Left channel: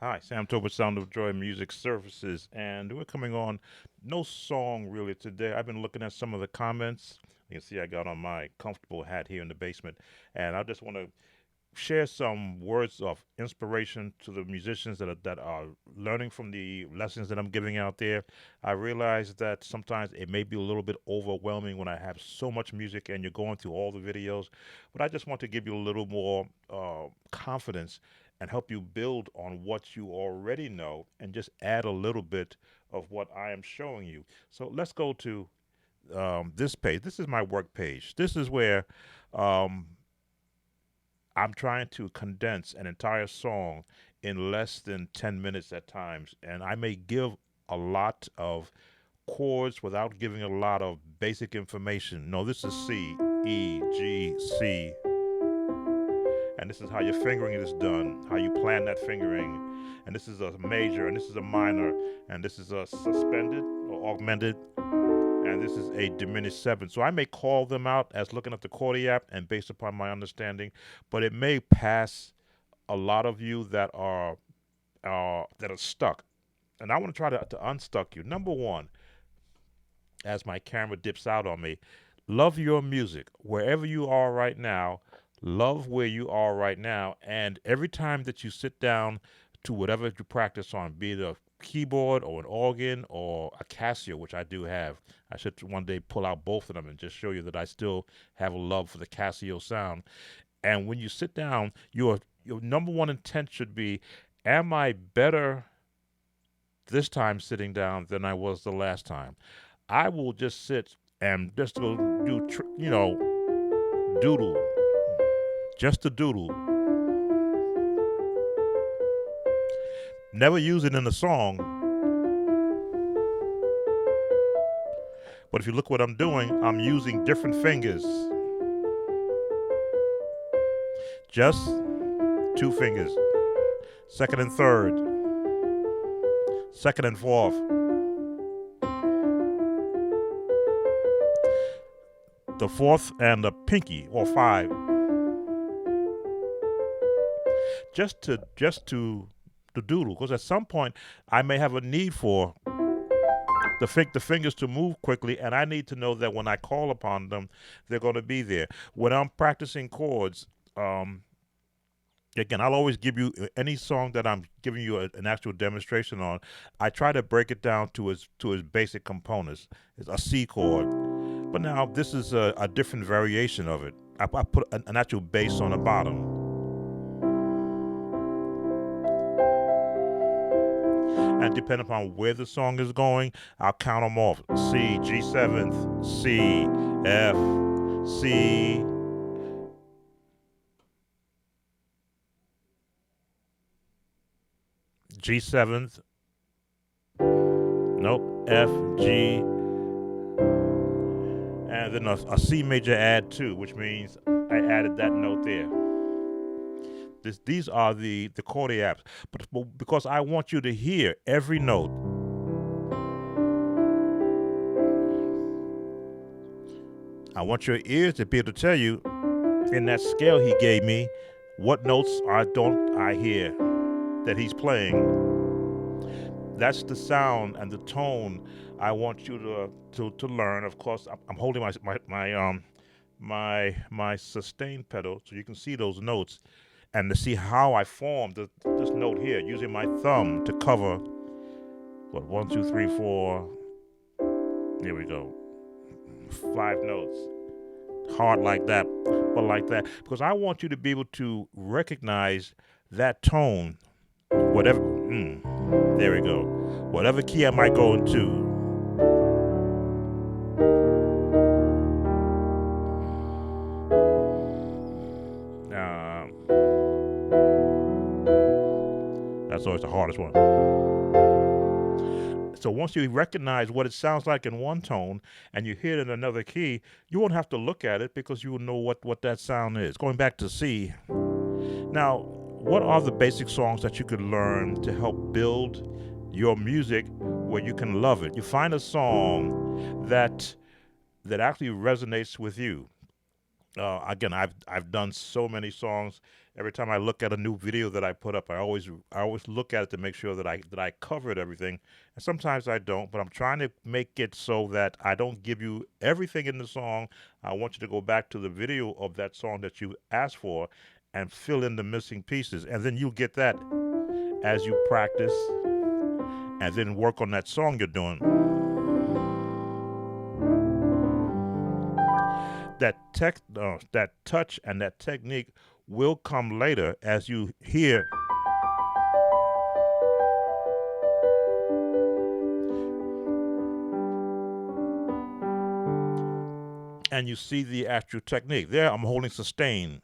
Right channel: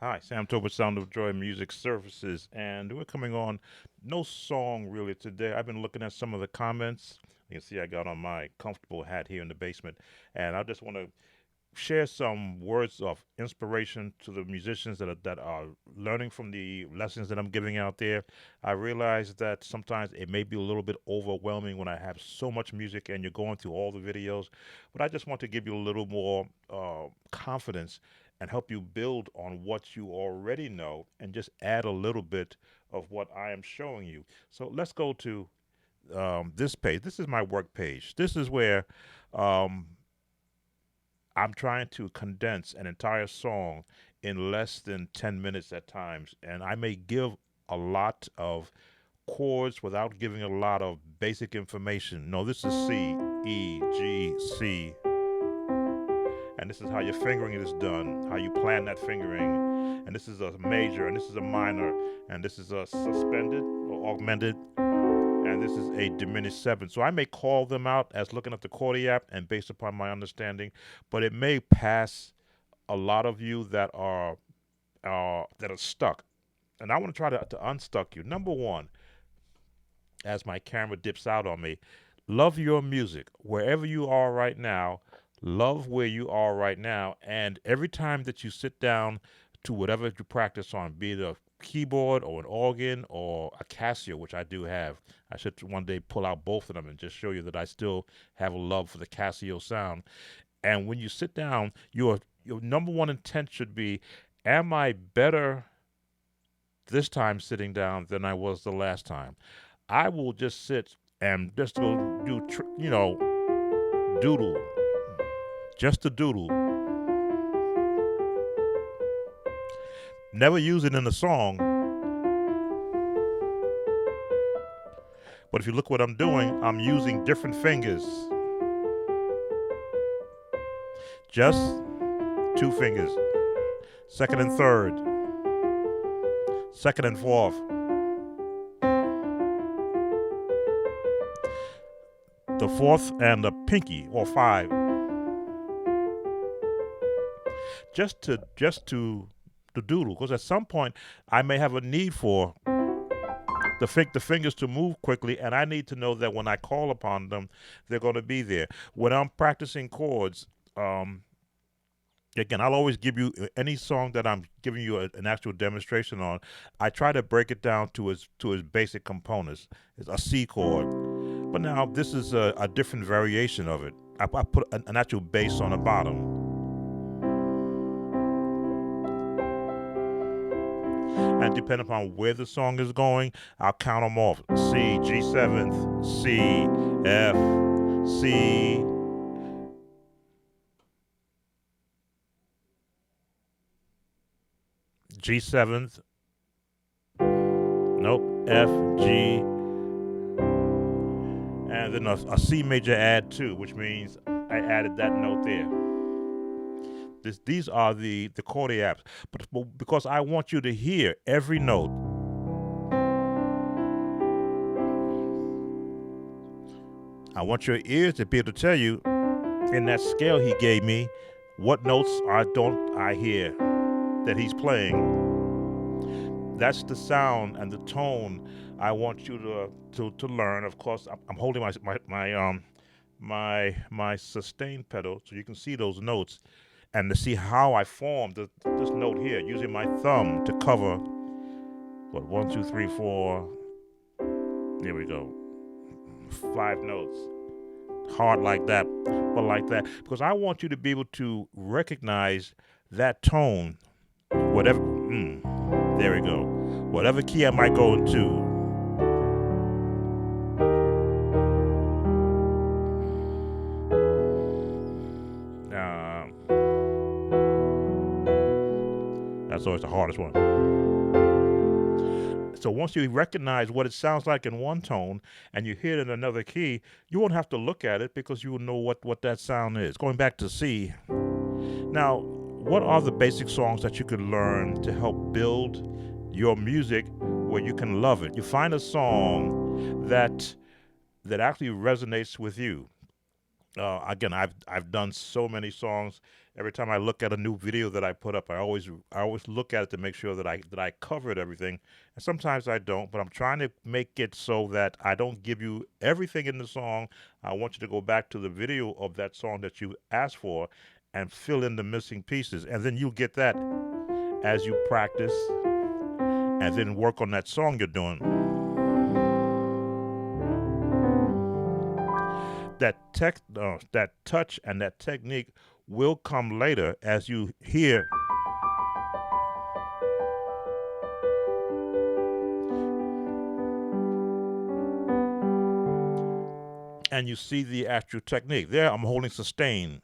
Hi, Sam Tobin, Sound of Joy Music Services, and we're coming on no song really today. I've been looking at some of the comments. You can see I got on my comfortable hat here in the basement, and I just want to share some words of inspiration to the musicians that are learning from the lessons that I'm giving out there. I realize that sometimes it may be a little bit overwhelming when I have so much music and you're going through all the videos, but I just want to give you a little more confidence and help you build on what you already know and just add a little bit of what I am showing you. So let's go to this page. This is my work page. This is where um, I'm trying to condense an entire song in less than 10 minutes at times, and I may give a lot of chords without giving a lot of basic information. No, this is C, E, G, C, and this is how your fingering is done, how you plan that fingering. And this is a major, and this is a minor, and this is a suspended or augmented, and this is a diminished seventh. So I may call them out as looking at the chord app and based upon my understanding, but it may pass a lot of you that are stuck. And I want to try to unstuck you. Number one, as my camera dips out on me, love your music wherever you are right now. Love where you are right now, and every time that you sit down to whatever you practice on, be it a keyboard or an organ or a Casio, which I do have. I should one day pull out both of them and just show you that I still have a love for the Casio sound. And when you sit down, your number one intent should be, am I better this time sitting down than I was the last time? I will just sit and just go do doodle, just a doodle. Never use it in a song, but if you look what I'm doing, I'm using different fingers, just two fingers, second and third, second and fourth, the fourth and the pinky or five, just to doodle. Because at some point, I may have a need for the fingers to move quickly, and I need to know that when I call upon them, they're going to be there. When I'm practicing chords, um, again, I'll always give you any song that I'm giving you an actual demonstration on. I try to break it down to its basic components. It's a C chord, but now this is a different variation of it. I put an actual bass on the bottom, and depending upon where the song is going, I'll count them off: C, G seventh, C, F, C, G seventh, nope, F, G, and then a C major add two, which means I added that note there. These are the chord apps, but because I want you to hear every note, I want your ears to be able to tell you in that scale he gave me what notes I don't I hear that he's playing. That's the sound and the tone I want you to learn. Of course, I'm holding my sustain pedal so you can see those notes and to see how I formed this note here using my thumb to cover what 1, 2, 3, 4. There we go, 5 notes. Hard like that, but like that because I want you to be able to recognize that tone, whatever. There we go. Whatever key I might go into. Um, that's always the hardest one. So once you recognize what it sounds like in one tone and you hear it in another key, you won't have to look at it because you will know what that sound is. Going back to C. Now, what are the basic songs that you could learn to help build your music where you can love it? You find a song that actually resonates with you. Again, I've done so many songs. Every time I look at a new video that I put up, I always look at it to make sure that I covered everything. And sometimes I don't, but I'm trying to make it so that I don't give you everything in the song. I want you to go back to the video of that song that you asked for and fill in the missing pieces, and then you'll get that as you practice and then work on that song you're doing. That touch and that technique will come later as you hear and you see the actual technique. There, I'm holding sustain.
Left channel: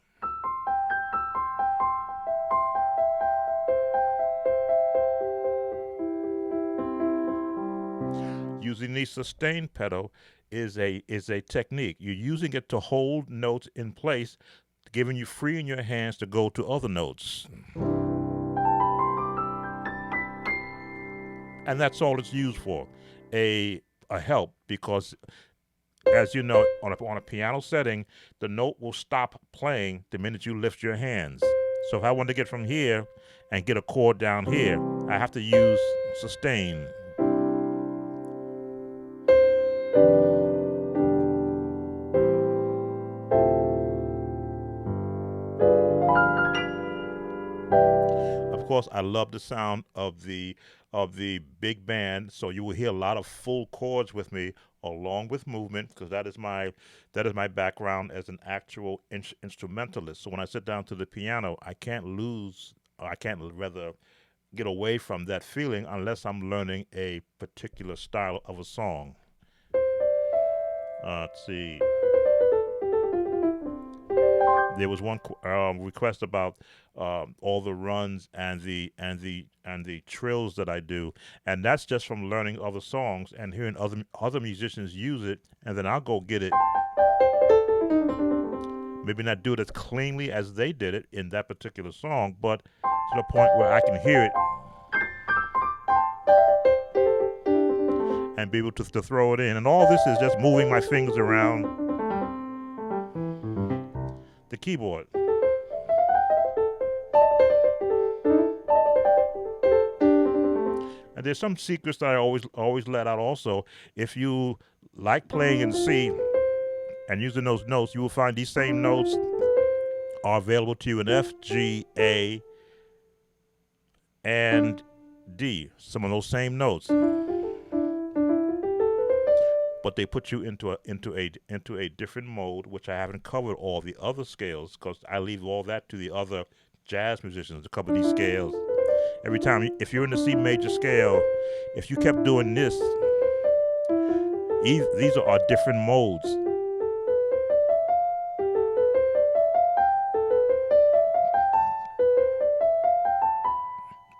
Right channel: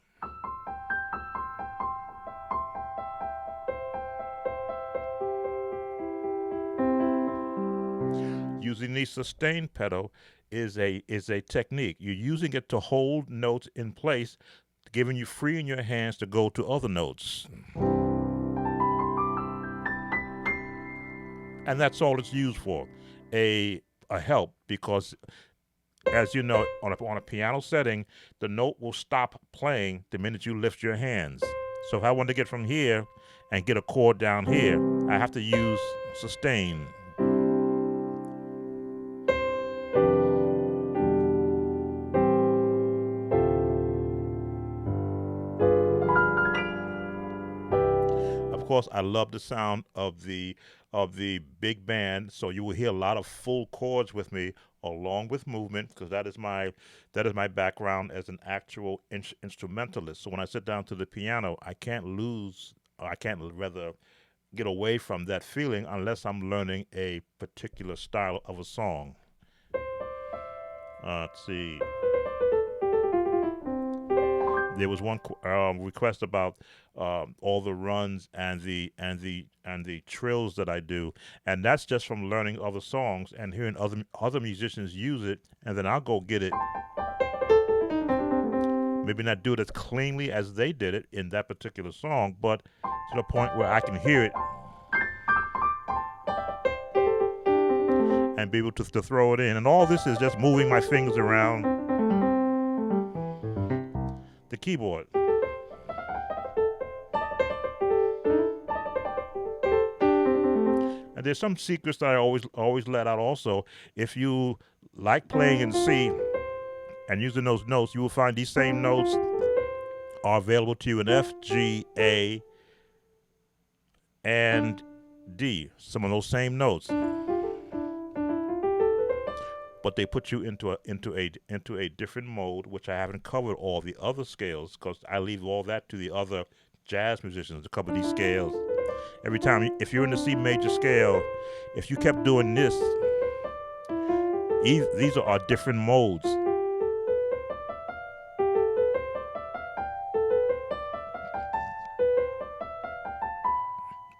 Using the sustain pedal is a technique. You're using it to hold notes in place, giving you free in your hands to go to other notes. And that's all it's used for. A help, because as you know, on a piano setting, the note will stop playing the minute you lift your hands. So if I want to get from here and get a chord down here, I have to use sustain. Of course, I love the sound of the big band, so you will hear a lot of full chords with me along with movement, because that is my background as an actual instrumentalist. So when I sit down to the piano, I can't lose, or I can't rather get away from that feeling unless I'm learning a particular style of a song. Let's see. There was one request about all the runs and the trills that I do, and that's just from learning other songs and hearing other musicians use it, and then I'll go get it. Maybe not do it as cleanly as they did it in that particular song, but to the point where I can hear it and be able to throw it in. And all this is just moving my fingers around the keyboard. And there's some secrets that I always let out also. If you like playing in C and using those notes, you will find these same notes are available to you in F, G, A, and D. Some of those same notes, but they put you into a different mode, which I haven't covered all the other scales because I leave all that to the other jazz musicians to cover these scales. Every time, if you're in the C major scale, if you kept doing this, these are different modes.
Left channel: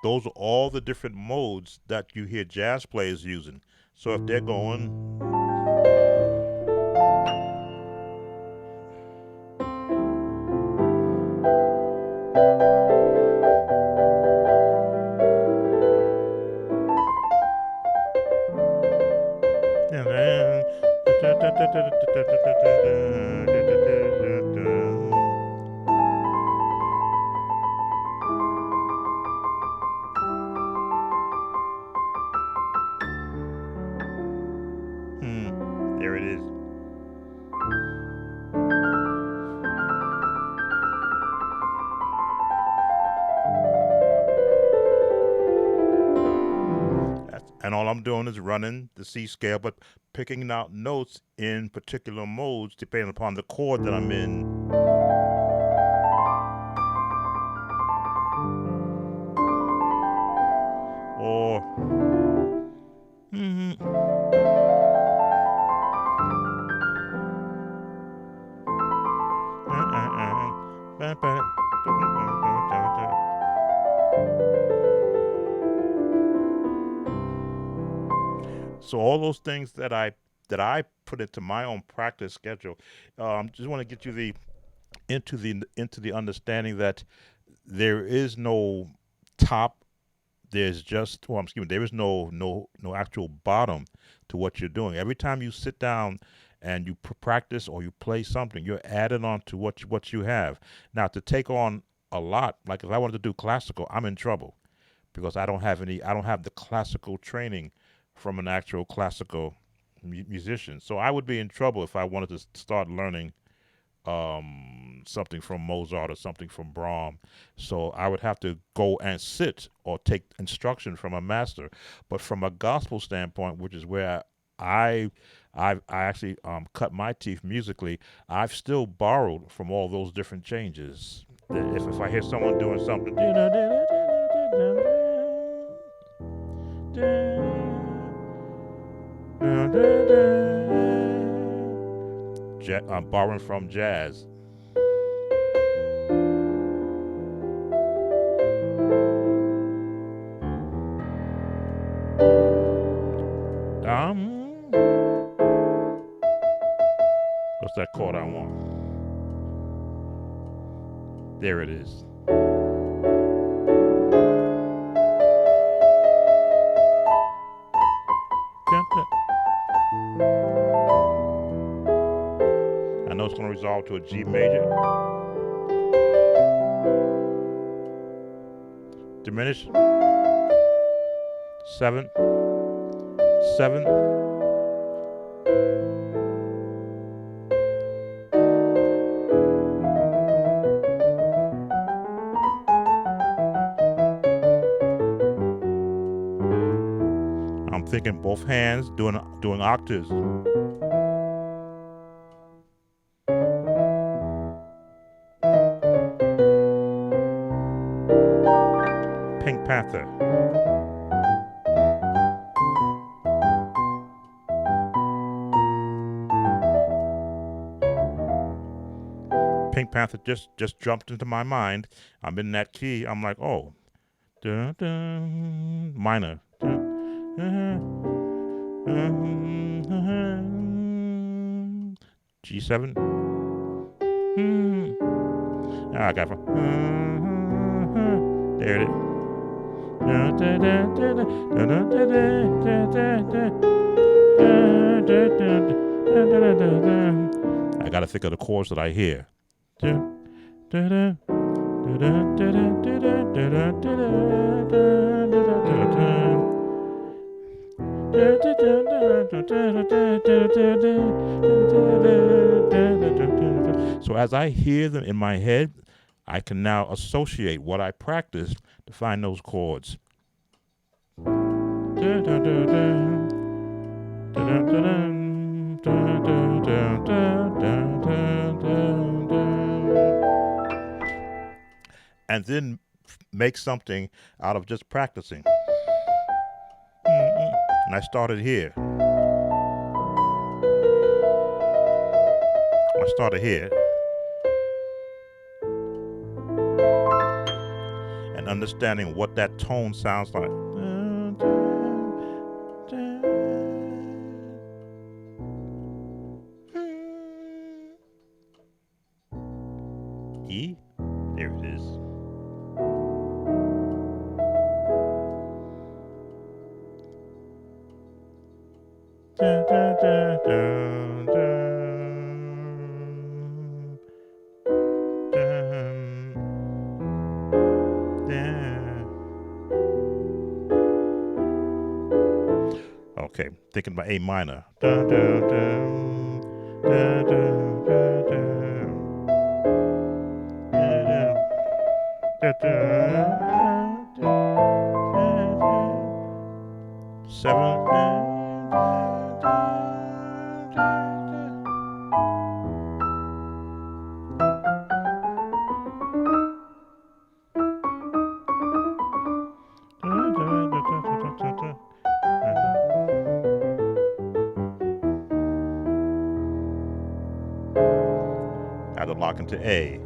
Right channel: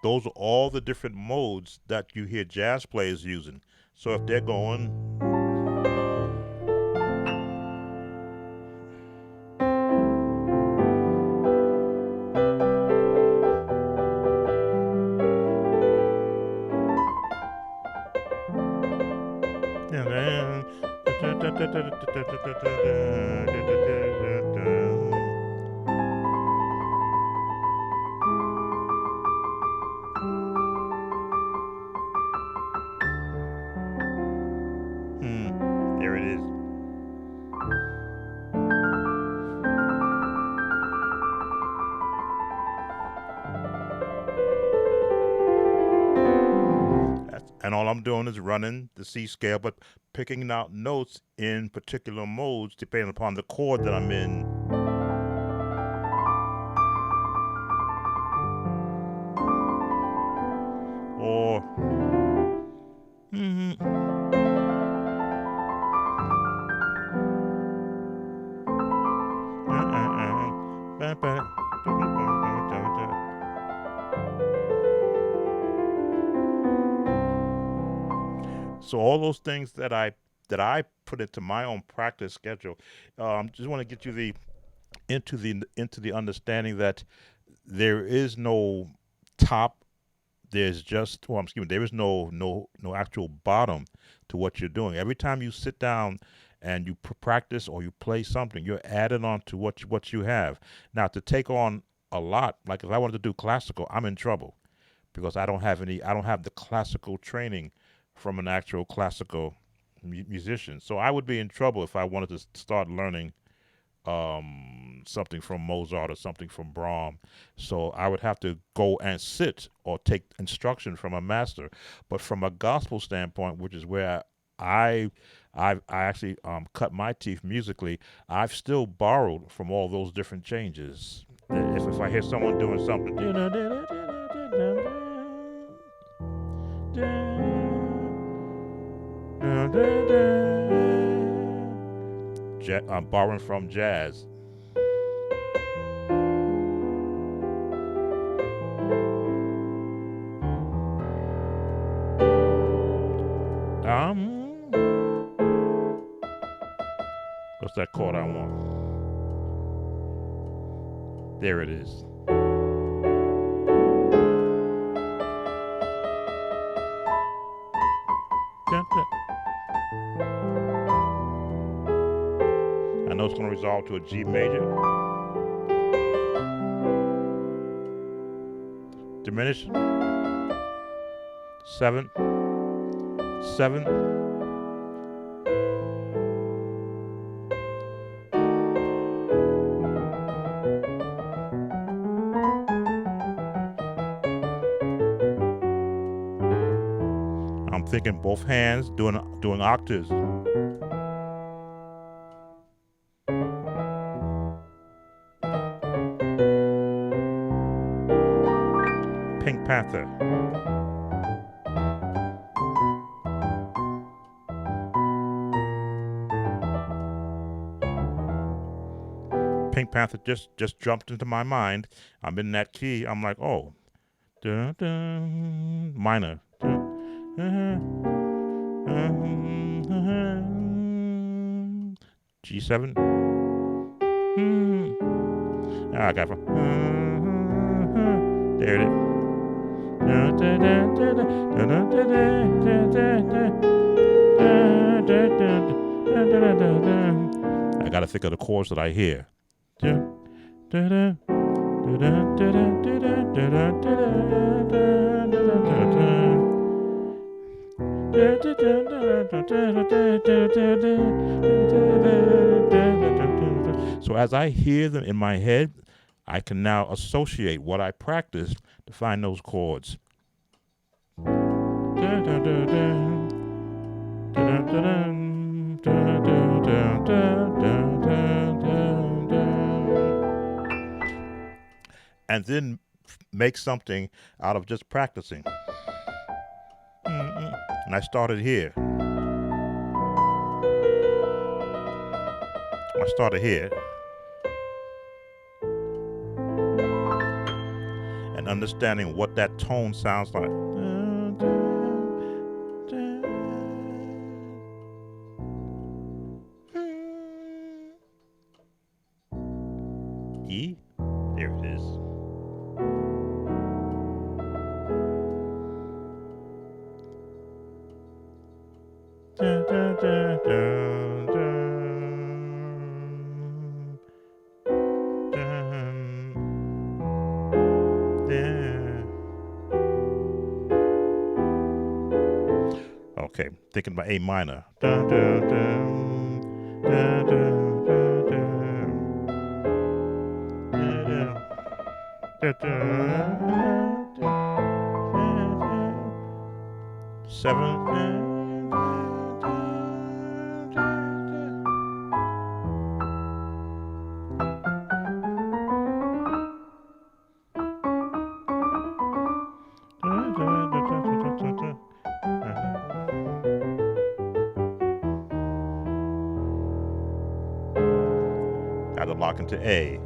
Those are all the different modes that you hear jazz players using. So if they're going, there it is. And all I'm doing is running the C scale, but picking out notes in particular modes depending upon the chord that I'm in. Or so all those things that I put into my own practice schedule. Just want to get you into the understanding that there is no top. There's just, excuse me, there is no actual bottom to what you're doing. Every time you sit down and you practice or you play something, you're adding on to what you have. Now, to take on a lot, like if I wanted to do classical, I'm in trouble because I don't have the classical training from an actual classical musician. So I would be in trouble if I wanted to start learning something from Mozart or something from Brahms. So I would have to go and sit or take instruction from a master. But from a gospel standpoint, which is where I actually cut my teeth musically, I've still borrowed from all those different changes. If I hear someone doing something, I'm borrowing from jazz. What's that chord I want? There it is. I know it's going to resolve to a G major. Diminish. 7. 7. I'm thinking both hands doing octaves. Pink Panther. Pink Panther just jumped into my mind. I'm in that key. I'm like, oh, dun, dun, minor. G7. I got it. There it is. I gotta think of the chords that I hear. So as I hear them in my head, I can now associate what I practiced to find those chords. And then make something out of just practicing. And I started here. And understanding what that tone sounds like. E, there it is. Dun, dun, dun, dun, dun, dun. Okay, thinking about A minor. Dun, dun, dun, dun, dun, dun, dun. Dun, dun, dun, dun. 7. I had to lock into A.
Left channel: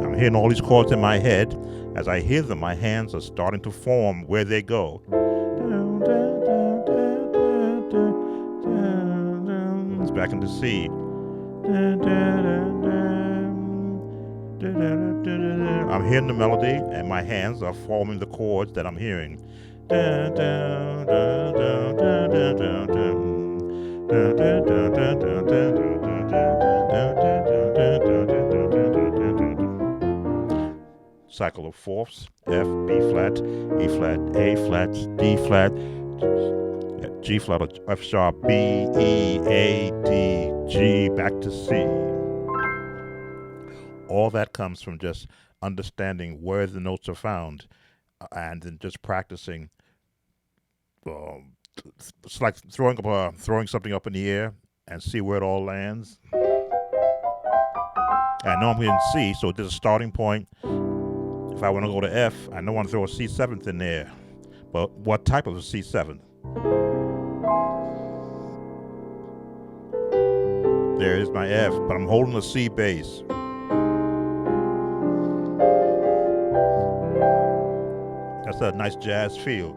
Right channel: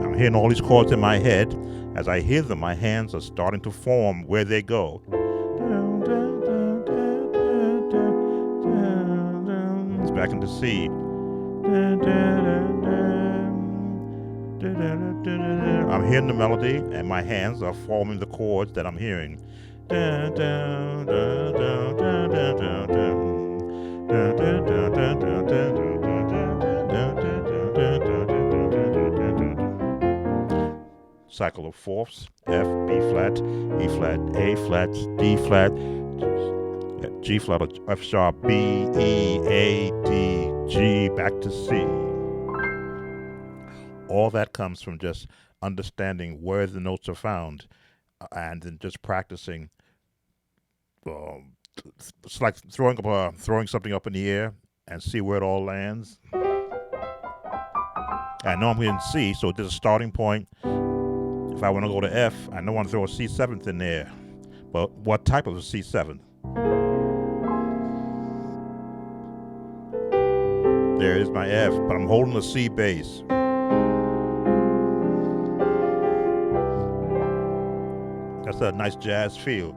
I'm hearing all these chords in my head. As I hear them, my hands are starting to form where they go. It's back into C. I'm hearing the melody, and my hands are forming the chords that I'm hearing. Cycle of fourths: F, B flat, E flat, A flat, D flat, G flat, F sharp, B, E, A, D, G, back to C. All that comes from just understanding where the notes are found, and then just practicing. It's like throwing something up in the air and see where it all lands. I know I'm in C, so there's a starting point. If I want to go to F, I know I want to throw a C7th in there. But what type of a C7th? There is my F, but I'm holding a C bass. That's a nice jazz feel.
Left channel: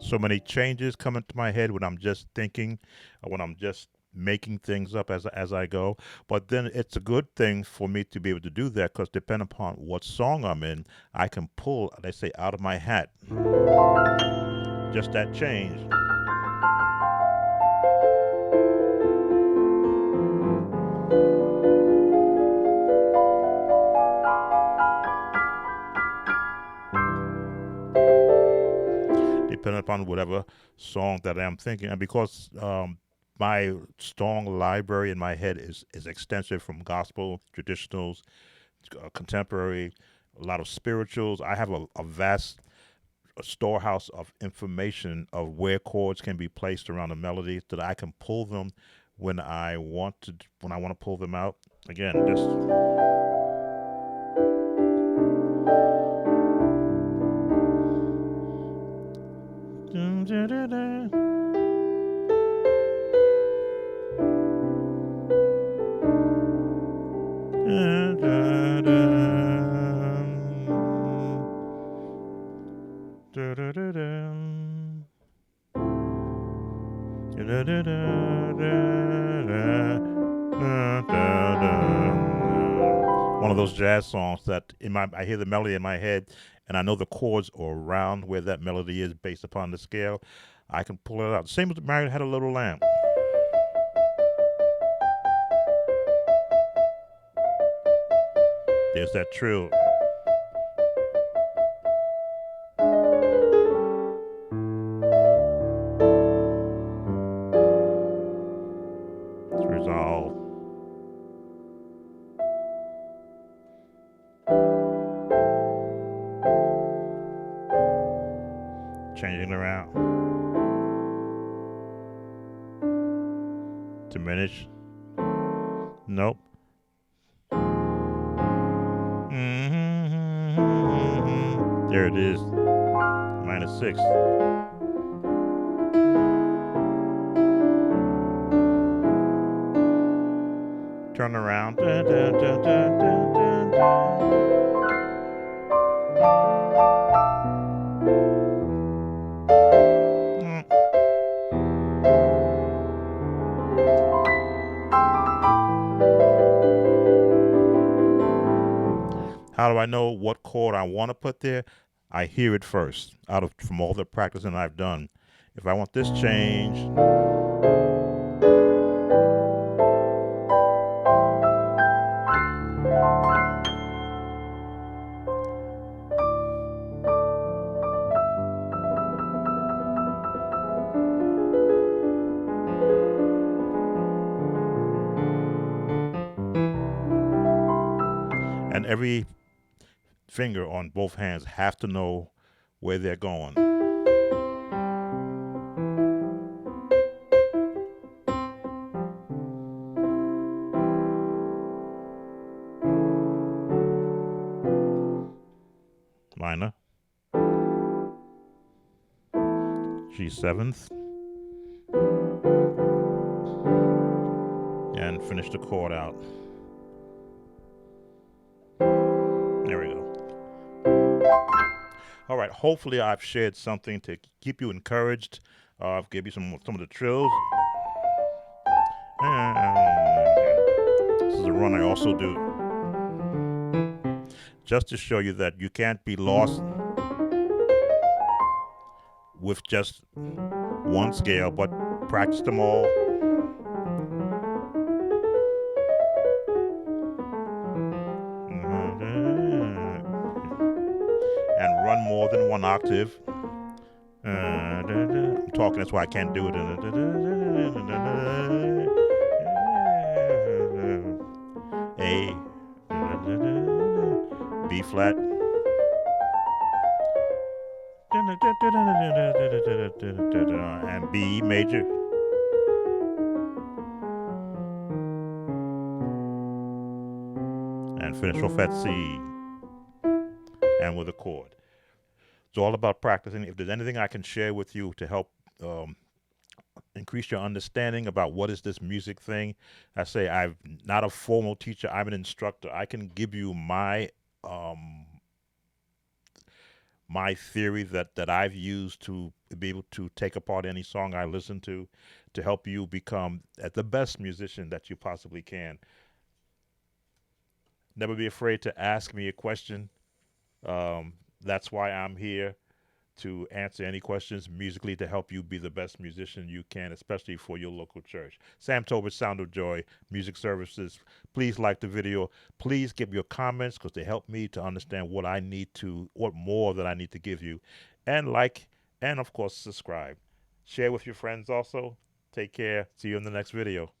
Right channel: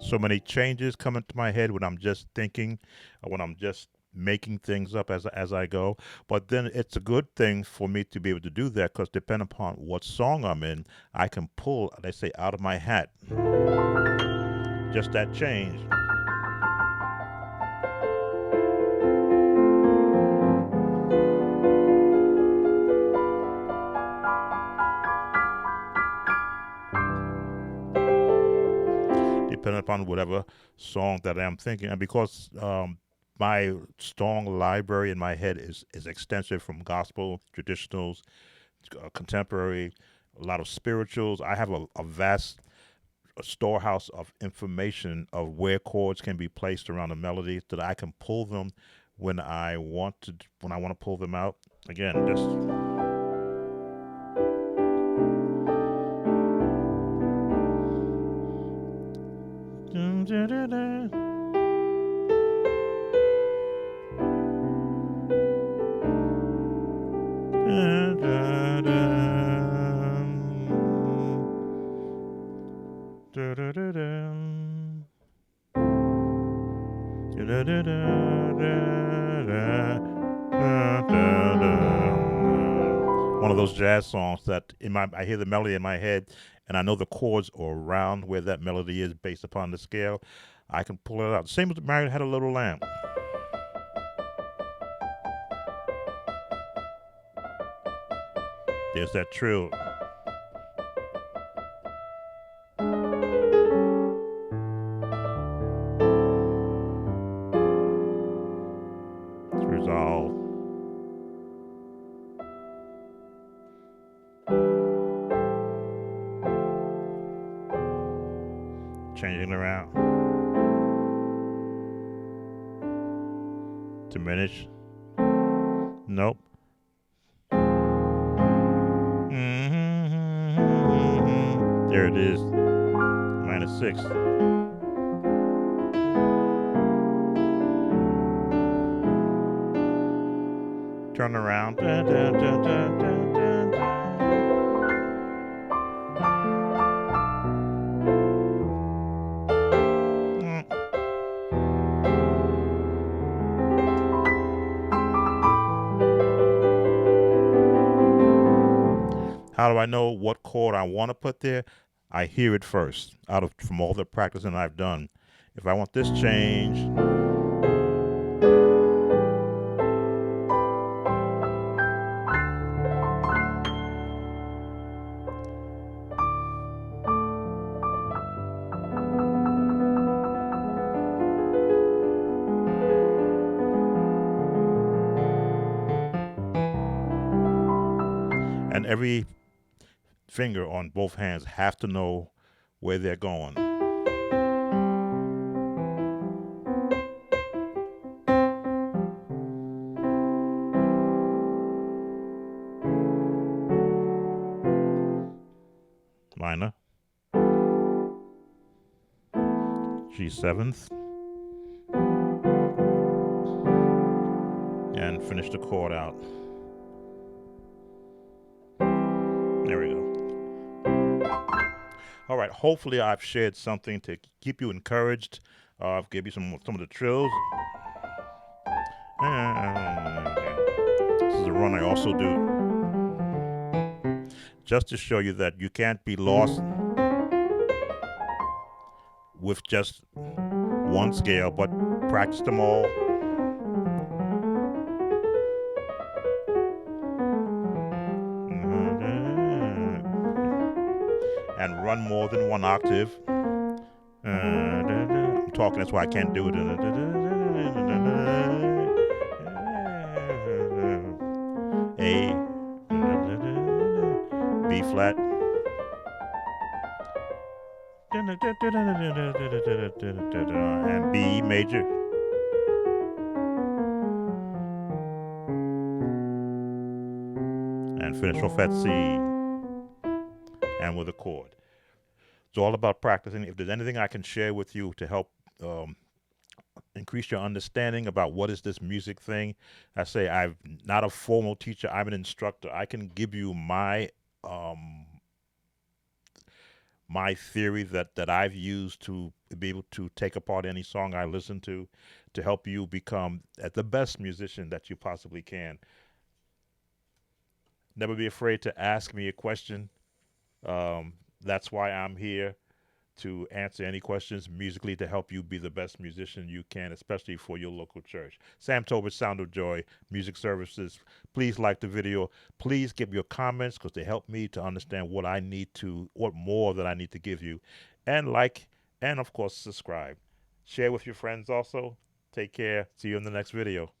So many changes come into my head when I'm just thinking, when I'm just making things up as I go. But then it's a good thing for me to be able to do that, because depending upon what song I'm in, I can pull, they say, out of my hat. Just that change. Depending upon whatever song that I'm thinking. And because my song library in my head is extensive, from gospel, traditionals, contemporary, a lot of spirituals. I have a vast storehouse of information of where chords can be placed around a melody, that I can pull them when I want to pull them out. Again, just one of those jazz songs that I hear the melody in my head, and I know the chords are around where that melody is based upon the scale. I can pull it out. Same as Mary Had a Little Lamb. There's that trill. It's resolved. Changing around. Diminish. Nope. There it is. -6. Turn around. How do I know what chord I want to put there? I hear it first, from all the practicing I've done. If I want this change, and every finger on both hands have to know where they're going. Minor, G7th, and finish the chord out. There we go. All right. Hopefully, I've shared something to keep you encouraged. I've give you some of the trills. This is a run I also do, just to show you that you can't be lost with just one scale, but practice them all. And run more than one octave. I'm talking, that's why I can't do it. A, B flat, and B major. And finish off at C, and with a chord. It's all about practicing. If there's anything I can share with you to help increase your understanding about what is this music thing, I say I'm not a formal teacher. I'm an instructor. I can give you my my theory that I've used to be able to take apart any song I listen to help you become the best musician that you possibly can. Never be afraid to ask me a question. That's why I'm here, to answer any questions musically to help you be the best musician you can, especially for your local church. Sam Tobert, Sound of Joy, Music Services. Please like the video. Please give your comments because they help me to understand what more that I need to give you. And like, and of course, subscribe. Share with your friends also. Take care. See you in the next video.